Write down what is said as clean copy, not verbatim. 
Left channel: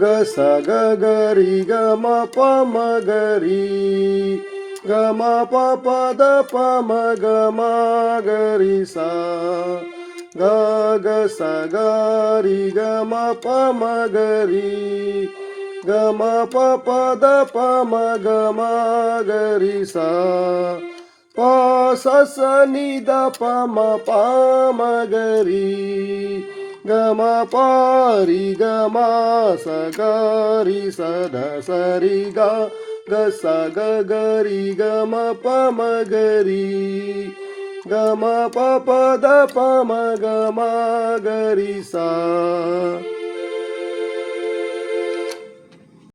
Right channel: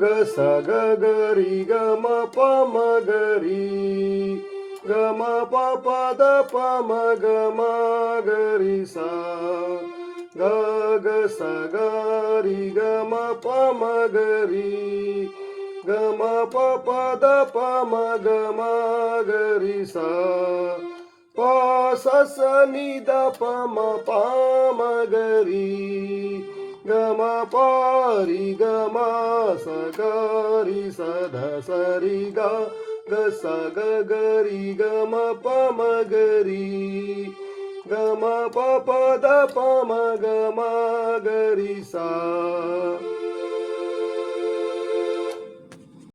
ಗ ಸ ಗ ಗ ರಿ ಗ ಮ ಪ ಮ ಗ ರಿ ಗ ಮ ಪ ಪ ದ ಪ ಮ ಗ ಮ ಗ ರಿ ಸ ಗ ಗ ಸ ಗ ರಿ ಗ ಮ ಪ ಮ ಗ ರಿ ಗ ಮ ಪ ಪ ದ ಪ ಮ ಗ ಮ ಗ ರಿ ಸ ಪ ಸ ಸ ನಿ ದ ಪ ಮ ಪ ಮ ಗ ರಿ ಗ ಮ ಪ ರಿ ಗ ಮ ಸ ಗ ರಿ ಸ ದ ಸ ರಿ ಗ ಗ ಸ ಗ ಗ ರಿ ಗ ಮ ಪ ಮ ಗ ರಿ ಗ ಮ ಪ ಪ ದ ಪ ಮ ಗ ಮ ಗ ರಿ ಸ